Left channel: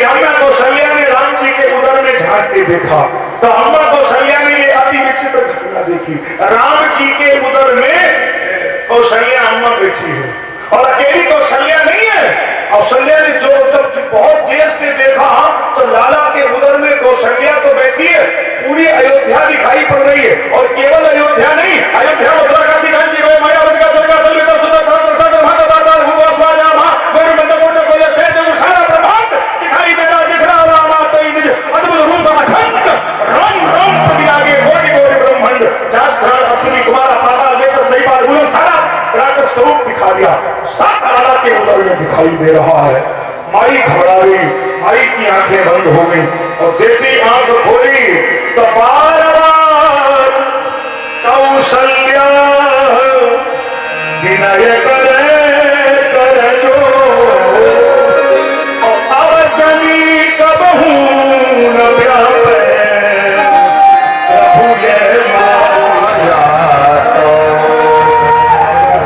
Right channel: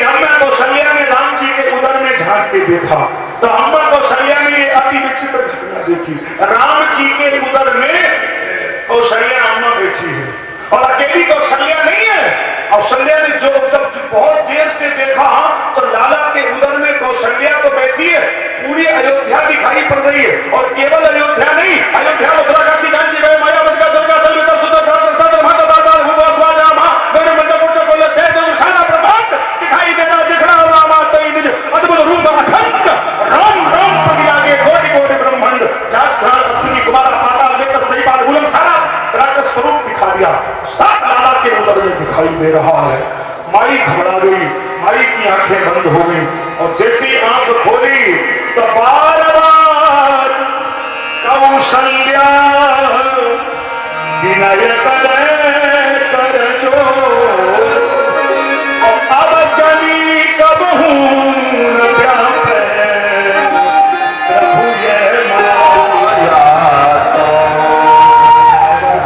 लेकिन अम्मा कौशल्या ने राम जी के उदर में झांक के देखा तो अम्मा कौशल्या ने ये अति विचित्र घटना देखी। राम जी के उदर में कौशल्या अम्मा बैठी है और अकेली कौशल्या नहीं है। कौशल्या ने जो जब बहुत देर से देखा तो लाला के उदर में कौशल्या तो बैठी है, पूरी अयोध्या दिखाई पड़ रही है। और केवल अयोध्या नहीं, अयोध्या मथुरा काशी कांची गए मायावती का दुर्गा दलविता सुंदर प्रसाद माता दाता भूवा स्वाजा मां गौरी मंडप को कोले से जो सारा ब्रह्मांड दिखाई दे रहा दिख रहा है। माता ही मुझे अद्भुत रूप अखंड राम राम पति आगे कोटि कोटि ब्रह्मांड शास्त्र अश्विनी कुमार पाताल लेकर सही बात बोलो सारा विराट स्वरूप दिखा दिया। सात लाला के उदर में दिखाई दे रहा है। माई घबरा गई, माई की आंखें बंद हो गई और जैसे आंख खोली तो बार बार कौशल्या विनय कर जो अब चली कबहू न व्यापे प्रभु ये माया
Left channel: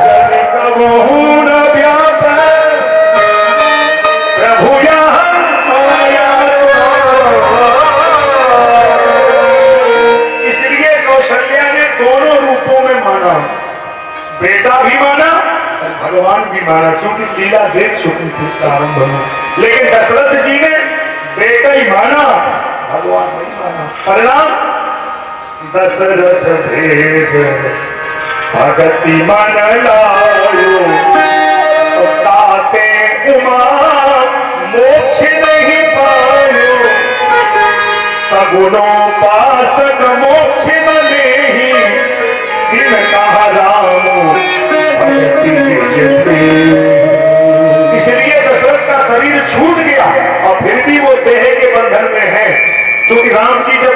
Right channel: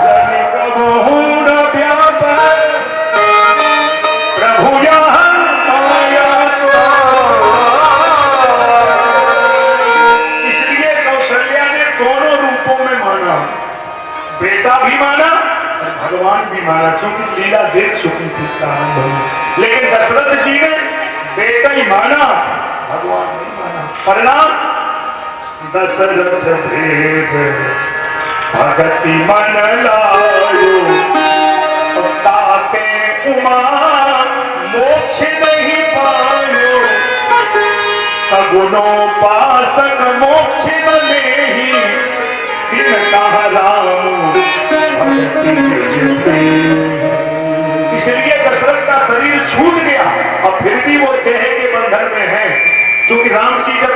चली कबहू न व्यापे प्रभु माया। इसलिए कौशल्या ने दोनों रूपों में माना, बेटा भी माना भगवान भी माना, क्योंकि लीला देख चुकी थी प्रारंभ में। लेकिन दशरथ जी ने बेटा ही माना, भगवान नहीं माना। परिणाम दशरथ भेद भगति मन लायो ताते उमा मोक्ष नहीं पायो सगुणोपासक मोक्ष न लेहि दिन कहा राम भक्ति इसलिए दशरथ का शरीर छूट गया और फिर भी वो देह के बंधन में है। क्योंकि राम जी जब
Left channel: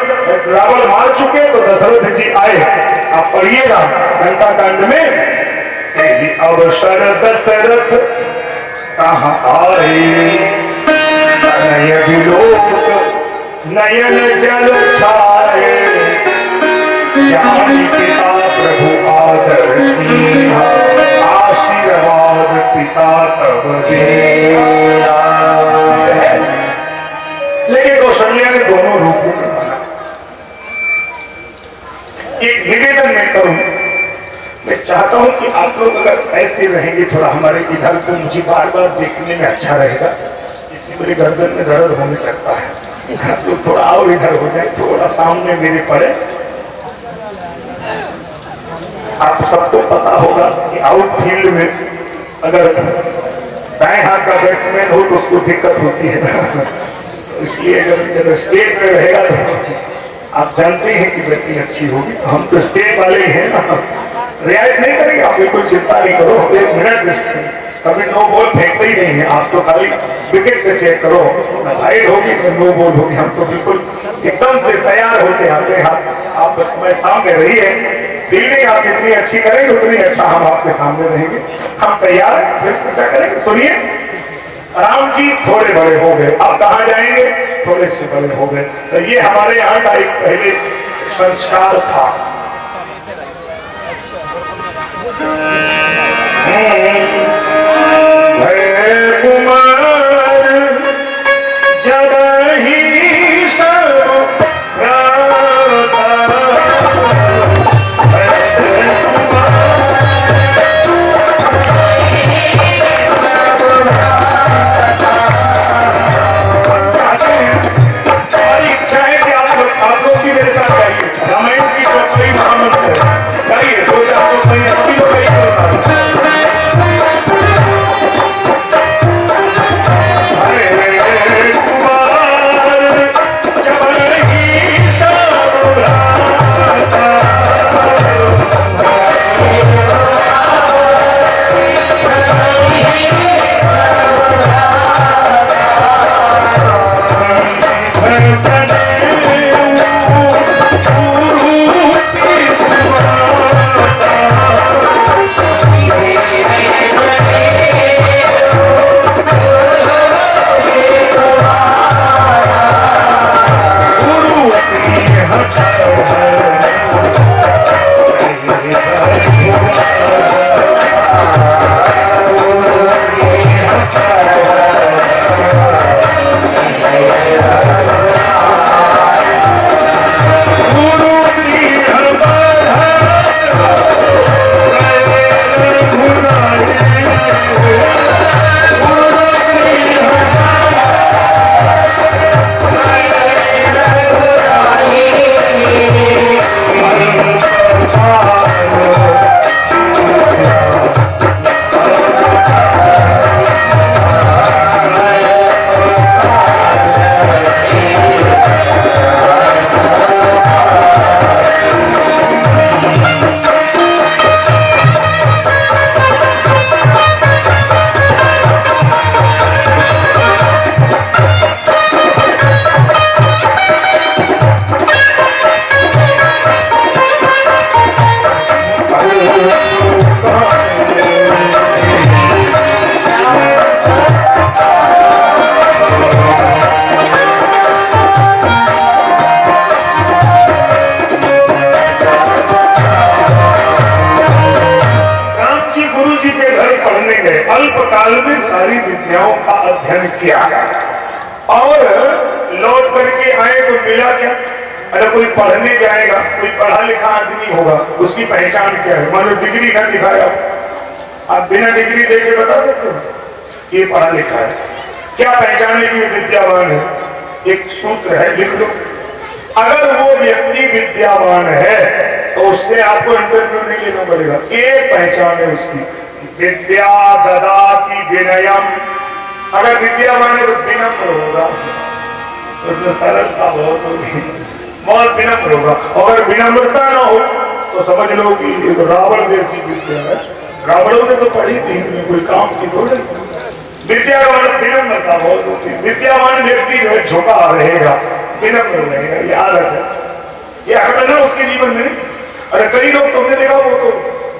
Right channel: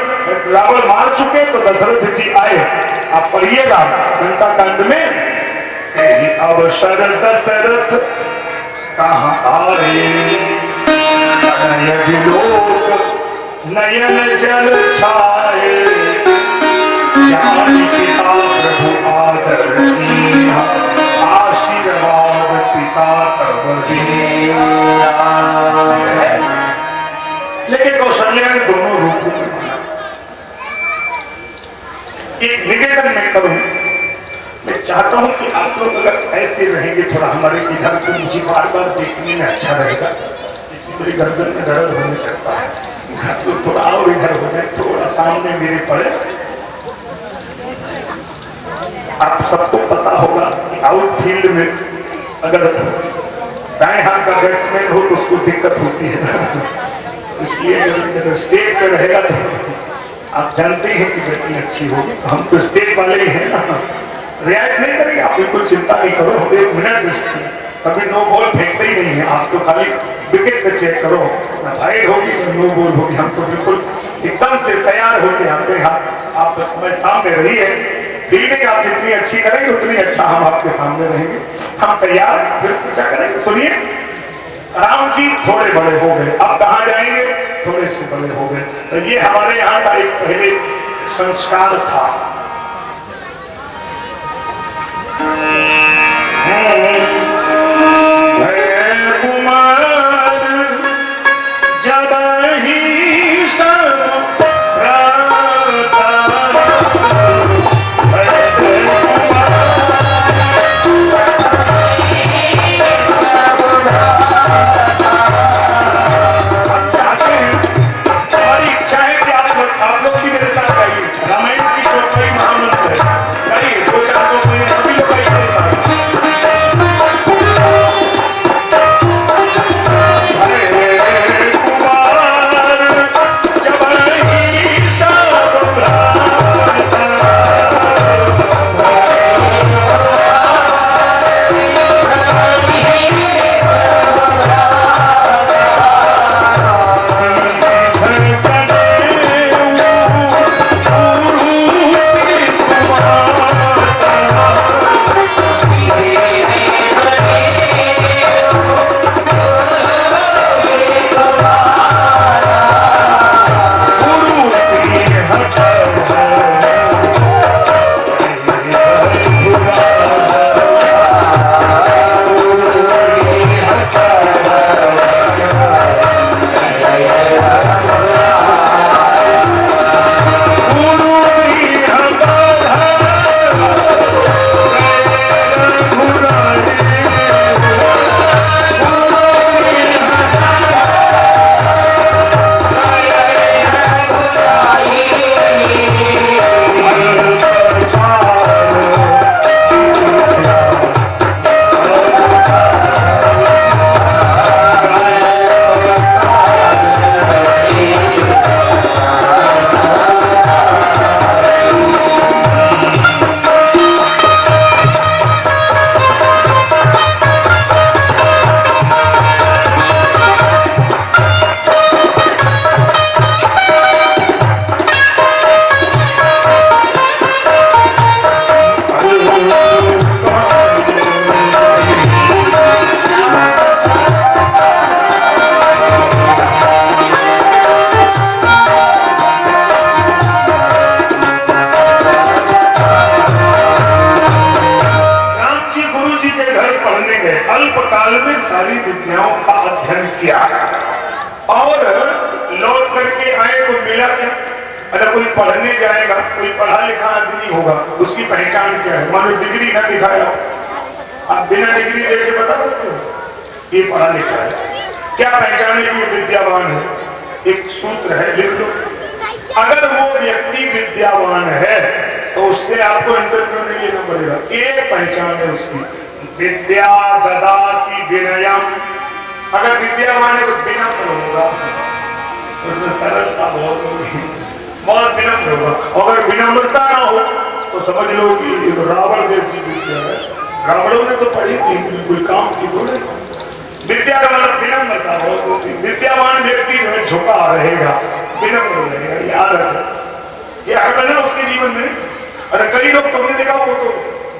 रावण मार चुके तो दशरथ जी आए। आप पढ़िएगा लंका कांड में, अवसर दशरथ कहाँ आए नयन जल छाए ज्ञानी पिता प्रभु आदर आशीर्वाद पिता तब दिया। लेकिन कौशल्या ने दोनों रूपों में माना। एक निवेदन मैं करूं, मैं चाहता हूं कि आप लोग अगर ऐसे रहेंगे थोड़ा हमारे इधर को मुझे बार बार देखने में अच्छा रहेगा। इसी मेरी गर्दन में दर्द होने लगता है, तो थोड़ा और इधर हो जाए, थोड़ा सामने मेरे पड़े। आप सबको पता होगा कि आउटफील्ड में अगर दाएं हाथ का बैट्समैन हो तो उसको दिक्कत होती है। इसलिए अगर स्टेट पे रहेगा तो आप जानते हैं कि बैटिंग अच्छी होगी। हम तो स्टेट वाले ही हैं ना, रियायत नहीं करेंगे। आप कोई चिंता नहीं करो, 1 मिनट कभी नो बॉल फेंकते ही नहीं है। आप तो खाली विकेट पे चेक करो, वाइड होगी नो बॉल होगी। हम तो बिल्कुल एकदम से तैयार होके आते हैं। आप बस समय सामने रहिए, फील्डिंग आप जितनी अच्छी करेंगे उतनी अच्छा हम आपके सामने रहेंगे। हम तैयार, फिर क्या करेंगे सुनिए। राम जी थोड़े बड़े हो गए, अब कहाँ जाएंगे, थोड़े से बड़े हो गए। तो ये हमारे यहाँ का एक पहले संस्कार था। अध्ययन किया और लौट करके आए तो मिला क्या? अगर कोई पढ़ने जाएगा, कोई पढ़ा लिखा आदमी होगा, उसकी पहचान क्या है? मान लो डिग्री न दिखाया, आप बिना डिग्री देके बता सकते हो ये पढ़ा लिखा है, क्या पहचाने की विद्यावान है? एक सूत्र है, लिख लो। अगर वो व्यक्ति विद्यावान है तो उससे आपको इंटरव्यू नहीं लेना पड़ेगा, ये पहचान है उसकी। विद्या ददाति विनयम, अगर विद्यावान है तो विनम्र होगा, उसमें सरलता बहुत होगी, बहुत विनम्र होगा। अगर विनम्रता ना हो तो समझ लो कि रावण जैसी विद्या है, रावणों ने तो पढ़ी थी, कोई काम की थोड़ी। विद्या का मतलब विनम्रता बहुत होती है। विद्यावान व्यक्ति जो है झुका रहेगा, विनम्र रहेगा, याद रखे, ये अकड़ ना उसके जीवन में। अरे कई लोग तुमने देखा वो तो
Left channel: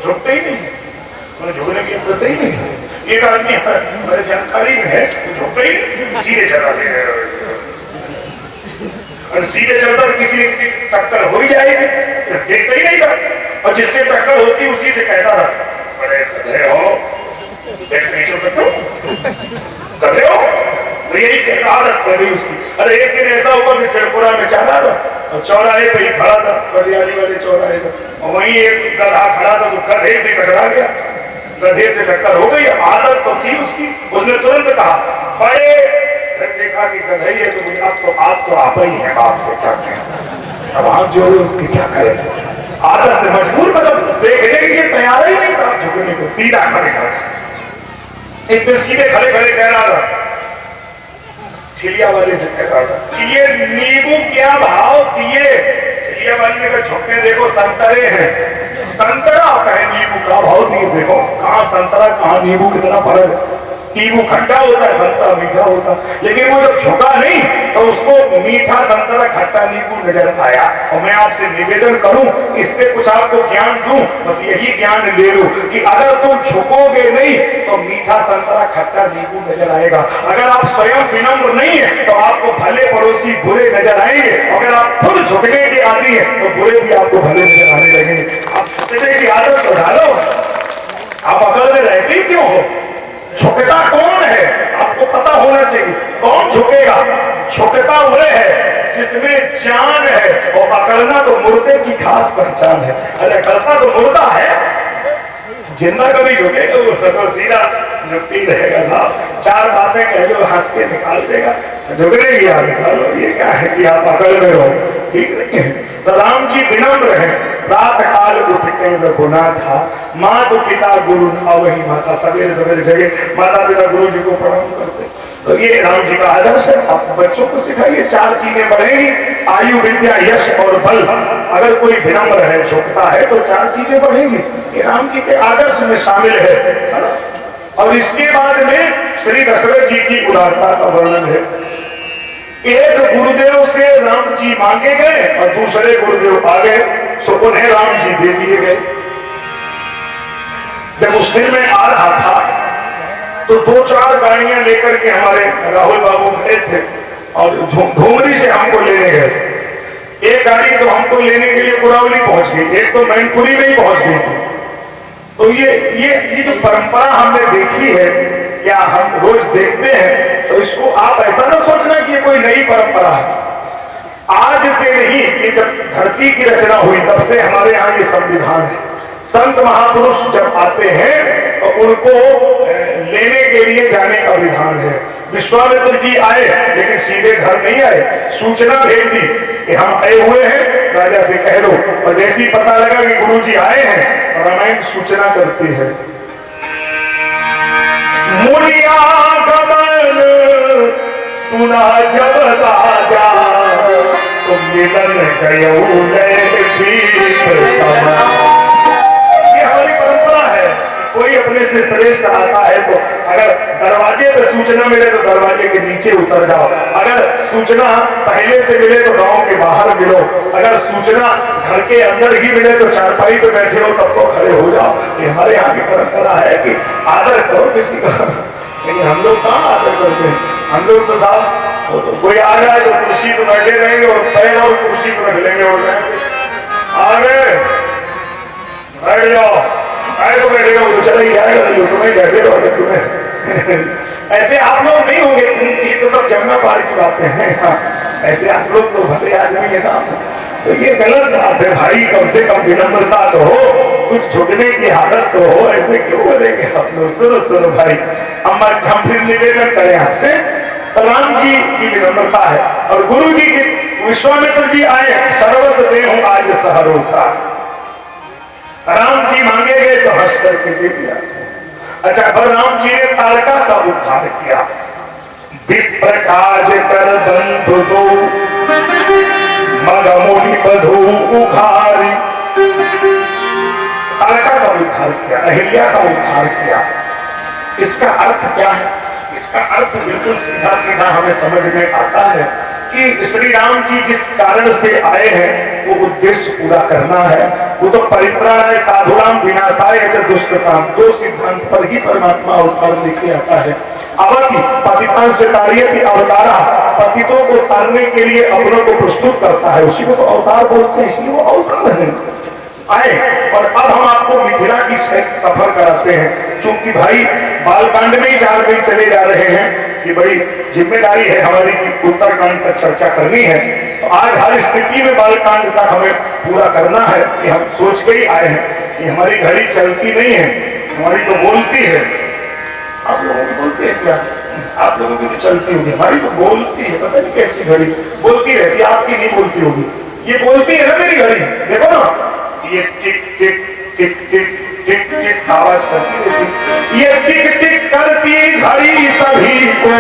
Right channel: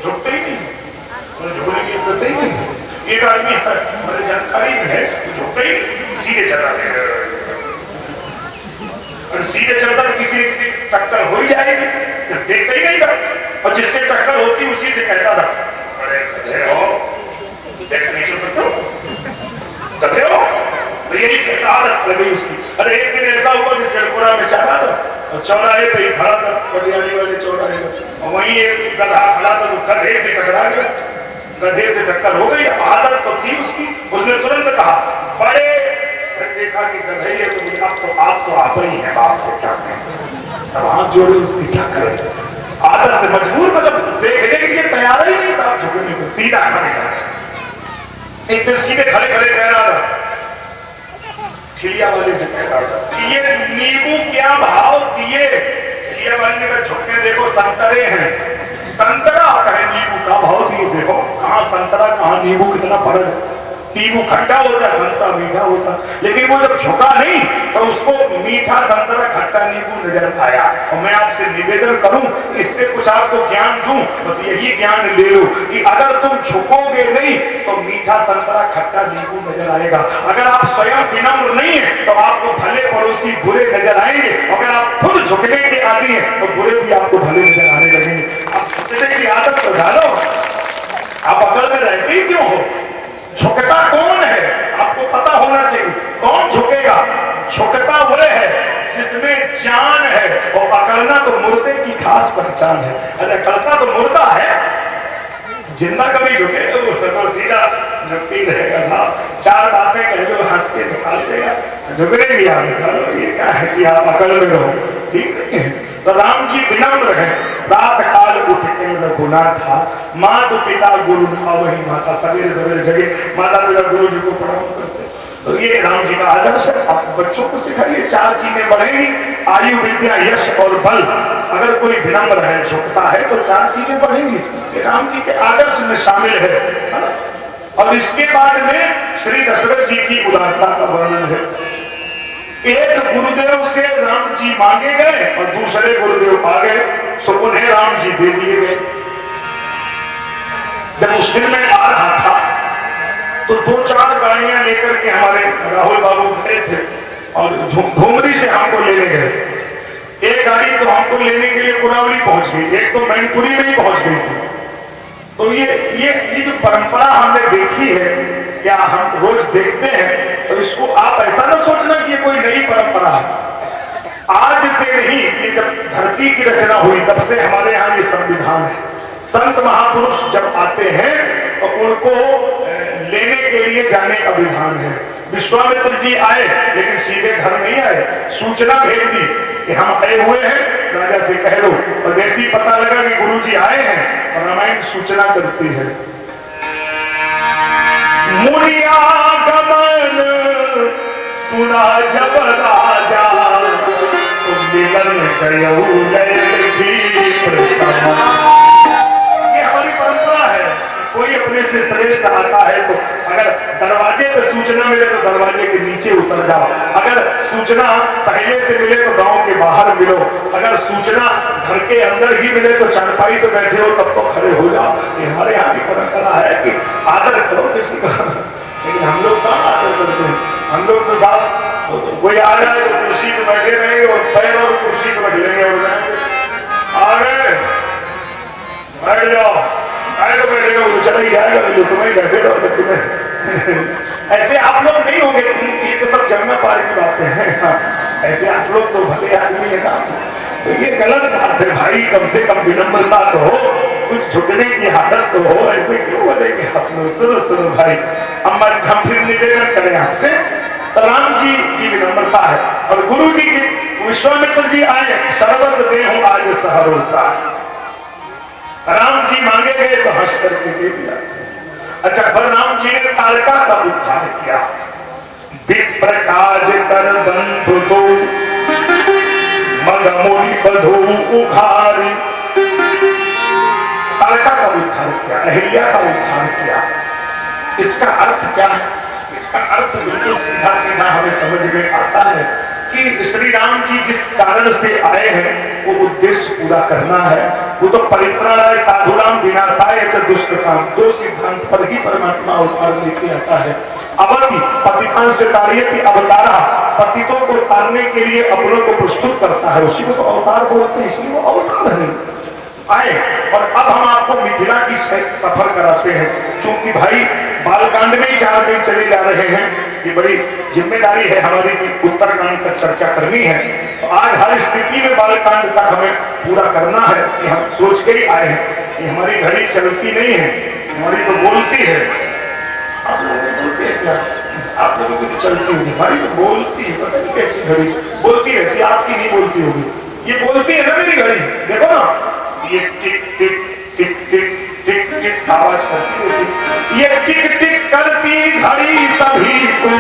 झुकते ही नहीं, झुकने की जरूरत ही नहीं। एक आदमी हमारे जानकारी में है, झुकते ही सीधे चला गया, और सीधे चलता तो किसी एक से टक्कर हो ही जाएगी, देखता ही नहीं था, और जिससे टक्कर होती उसी से कहता था बड़े गधे हो, देख नहीं चल सकते गधे हो, तो यही कहता आदत कर गई उसकी। अरे एक दिन ऐसा हुआ कि सिरपुरा में चला था और चौराहे पे ही खड़ा था, पटियाली वाले चौराहे पर, और वहीं एक गधा खड़ा था, तो गधे से टकरा गया, गधे से टक्कर हो गई। आदत तो थी उसकी, उसने तुरंत कहा बड़े, देखा कि गधे है तो अब तो आप ही है, बाप से क्या करें, अब हाथ जोड़े उसकी क्या करें। आदत से मजबूर, मतलब देखने के लिए तैयार ही नहीं साहब झुकने को, सीधा खड़े खड़े। एक दिन सीधे खड़े खड़े कह रहा था, ठिलिया वाले से कह रहा था ये नींबू क्या भाव दिए? ठिलिया वाले ने कहा झुकने देखो संतरे हैं। संतरा कहे नींबू का भाव दिए, देखो कहाँ संतरा कहाँ नींबू, कितना फर्क है। नींबू खट्टा होता है, संतरा मीठा होता, लेकिन वो जब झुका नहीं तो उसको मीठा संतरा खट्टा नींबू नजर आया। और मैं आपसे निवेदन करूं, इससे कुछ आपको ज्ञान दूं, बस यही ज्ञान ले लो कि अगर तुम झुकोगे नहीं तो मीठा संतरा खट्टा नींबू नजर आएगा। अगर आप स्वयं विनम्र नहीं है तो आपको भले पड़ोसी बुरे नजर आएंगे, अगर आप खुद झुकने के आदि हैं तो बुरे भी आपको भले नजर आने लगेंगे। आप झुकने की आदत तो डालो, आप अकल में रहते ही क्यों हो? झुकता कौन है आपको पता होना चाहिए, कौन झुकेगा? झुकता वो है जिसमें जान है, और अकड़ना तो मुर्दे की खास पहचान है। अरे अकड़ता तो मुर्दा है, जिंदा कभी झुके तो सीधा झुकती रहेगा साहब, चार बातें कह दो हंस के निकाल देगा, झुकने की आप निकालो, ये क्या है कि आप अकड़ में रहो, ठीक नहीं है। तो राम जी विनम्र है, रात काल उठ के रघुनाथ था, माता पिता गुरु था, वही माता सवेरे सवेरे जगे माता पिता गुरु जी को प्रणाम करते। तो ये राम जी का आदर्श है, आप बच्चों को सिखाइए, चार चीजें बढ़ेंगी, आयु विद्या यश और बल। अगर कोई विनम्र है, झुकता है तो चार चीजें बढ़ेंगी, ये राम जी के आदर्श में शामिल है ना। और इसके बाद में श्री दशरथ जी की उदारता का वर्णन है। एक गुरुदेव से राम जी मांगे गए और दूसरे गुरुदेव आ गए, सो उन्हें राम जी दे दिए गए। जब उस दिन में आ रहा था तो दो चार गाड़ियां लेकर के हमारे राहुल बाबू गए थे और धूमरी से हमको लेने गए। एक गाड़ी तो हमको लेने के लिए कुरावली पहुंच गई, एक तो मैनपुरी में ही पहुंच गई थी। तो ये जो परंपरा हमने देखी है या हम रोज देखते हैं, तो इसको आप ऐसा ना सोचना कि ये कोई नई परंपरा है। आज से नहीं, ये जब धरती की रचना हुई तब से हमारे यहाँ ये संविधान है। संत महापुरुष जब आते हैं तो उनको लेने के लिए जाने का विधान है। विश्वामित्र जी आए लेकिन सीधे घर नहीं आए, सूचना भेज दी कि हम आए हुए हैं, राजा से कह दो। और जैसे ही पता लगा कि गुरु जी आए हैं, रामायण सूचना करती है, मुनिया गमन सुना जब राजा, तो मिलन गयो ये हमारी परंपरा है। कोई अपने से श्रेष्ठ आता है तो अगर दरवाजे पे सूचना मिले तो दरवाजे के नीचे उतर जाओ, अगर सूचना पहले से मिले तो गांव के बाहर मिलो, अगर सूचना घर के अंदर ही मिले तो चारपाई पे बैठे हो तब तो खड़े हो जाओ। ये हमारे यहाँ की परंपरा है कि आदर करो किसी का, लेकिन हम लोग कहाँ आदर करते हैं। हम लोग तो साहब कोई आ जाए तो कुर्सी पे बैठे रहेंगे और पैर और कुर्सी पे बैठ लेंगे और आ गए बैठ जाओ, आए तो बैठेगा वो चला ही जाएगा, जो तुम्हें बैठे रहो तुम्हें ऐसे आप लोग नहीं होंगे, ये तो सब जमुना पार की बातें हैं। हाँ, ऐसे आप लोग तो भले आदमी है साहब, तो ये गलत बात है भाई। कम से कम विनम्रता तो हो, कुछ झुकने की हालत तो हो, ऐसे क्यों बोलेंगे आप लोग। सुनो सुनो भाई, अम्मा हम फिर निवेदन करें आपसे, तो राम जी की विनम्रता है और गुरु जी के विश्वामित्र जी आए, सर्वस देहु आज सहरोसा। राम जी मांगे गए तो हंस करके दे दिया। अच्छा, पर राम जी ने तारका का उद्धार किया। विप्र काज कर बंधु दो, मग मोहि बधू उघारी। तारका का उद्धार किया, अहिल्या का उद्धार किया। इसका अर्थ क्या है? इसका अर्थ बिल्कुल सीधा सीधा हमें समझ में आता है कि श्री राम जी जिस कारण से आए हैं वो उद्देश्य पूरा करना है। वो तो परित्राणाय साधुनाम विनाशाय च दुष्कृताम, दो सिद्धांत पर ही परमात्मा अवतार लेके आता है। अवति पतितान से तारियति अवतारा, पतितों को तारने के लिए अपनों को प्रस्तुत करता है, उसी को तो अवतार बोलते हैं, इसलिए वो अवतार है आए। और अब हम आपको मिथिला की सफर कराते हैं, क्योंकि भाई बालकांड में ही 4 दिन चले जा रहे हैं। ये बड़ी जिम्मेदारी है हमारी कि उत्तरकांड तक चर्चा करनी है। तो आज हर स्थिति में बालकांड तक हमें पूरा करना है कि हम सोच के ही आए हैं कि हमारी घड़ी चलती नहीं है, हमारी तो बोलती है। आप लोगों को बोलते हैं क्या? आप लोगों की तो चलती होगी, हमारी तो बोलती है। पता नहीं कैसी घड़ी बोलती रहती, आपकी नहीं बोलती होगी। ये बोलती है ना मेरी घड़ी, देखो ना, ये टिक टिक टिक टिक टिक टिक आवाज करती रहती। ये टिक टिक करती घड़ी सभी को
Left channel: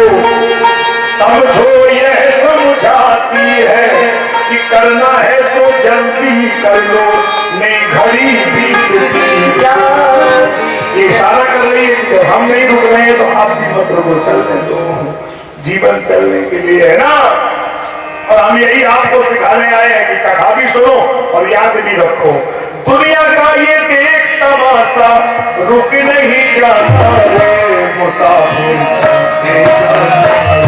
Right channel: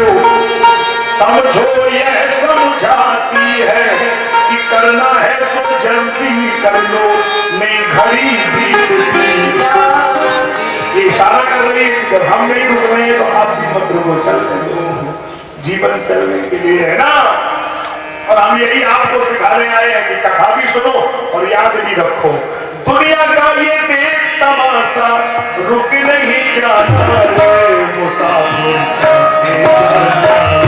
समझो यह समझाती है कि करना है सो जल्दी कर लो, मैं घड़ी बीतती जाती। ये इशारा कर रही है कि हम नहीं रुक रहे हैं तो आप भी मत रुको, चलने दो, जीवन चलने के लिए है ना। और हम यही आपको सिखाने आए हैं कि कथा भी सुनो और याद भी रखो, दुनिया का ये देख तमाशा रुक नहीं जाता रे मुसाफिर चलते चलते।